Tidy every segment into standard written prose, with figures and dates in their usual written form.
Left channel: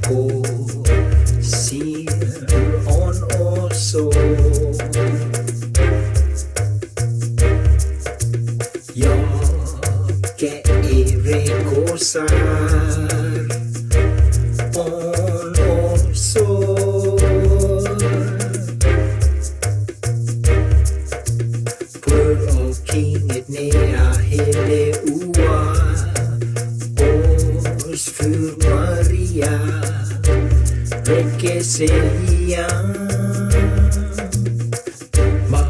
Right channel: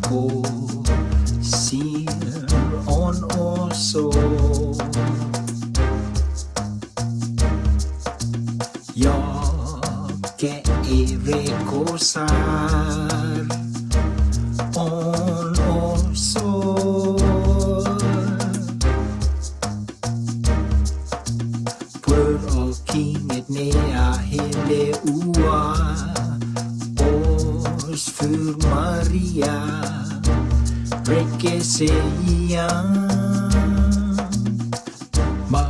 ko ser on oso. Jag rekorsar on oso. Pur och kinget nea hele ua. Os för Maria Rekeseia Ma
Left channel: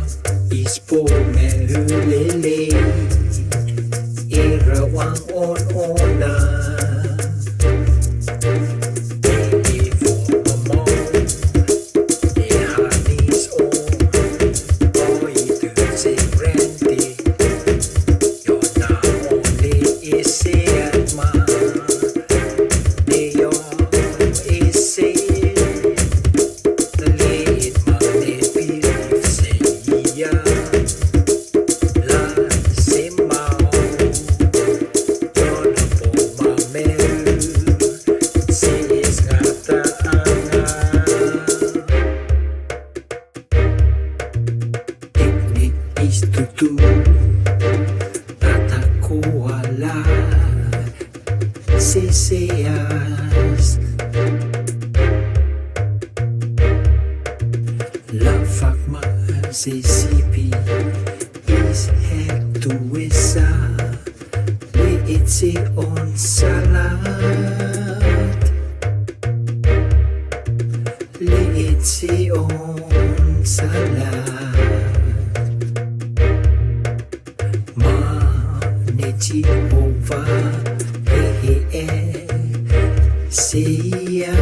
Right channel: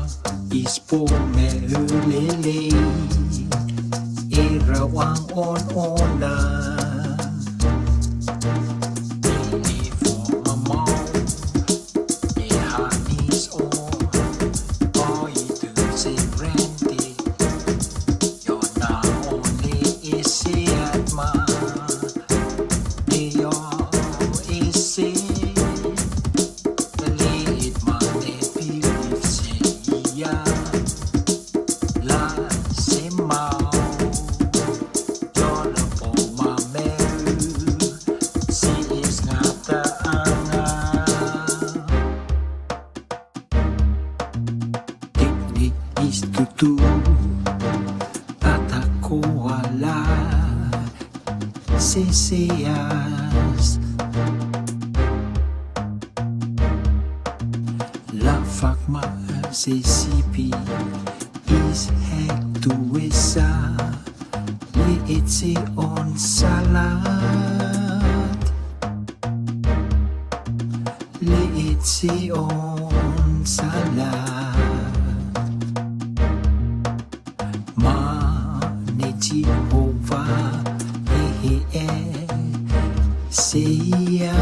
ispo me hulele Irawang on-ona Istutu ataku ala seseas la fakma sesipi is het tu esa li itse on salat li itse on salat Jehovah, Seia,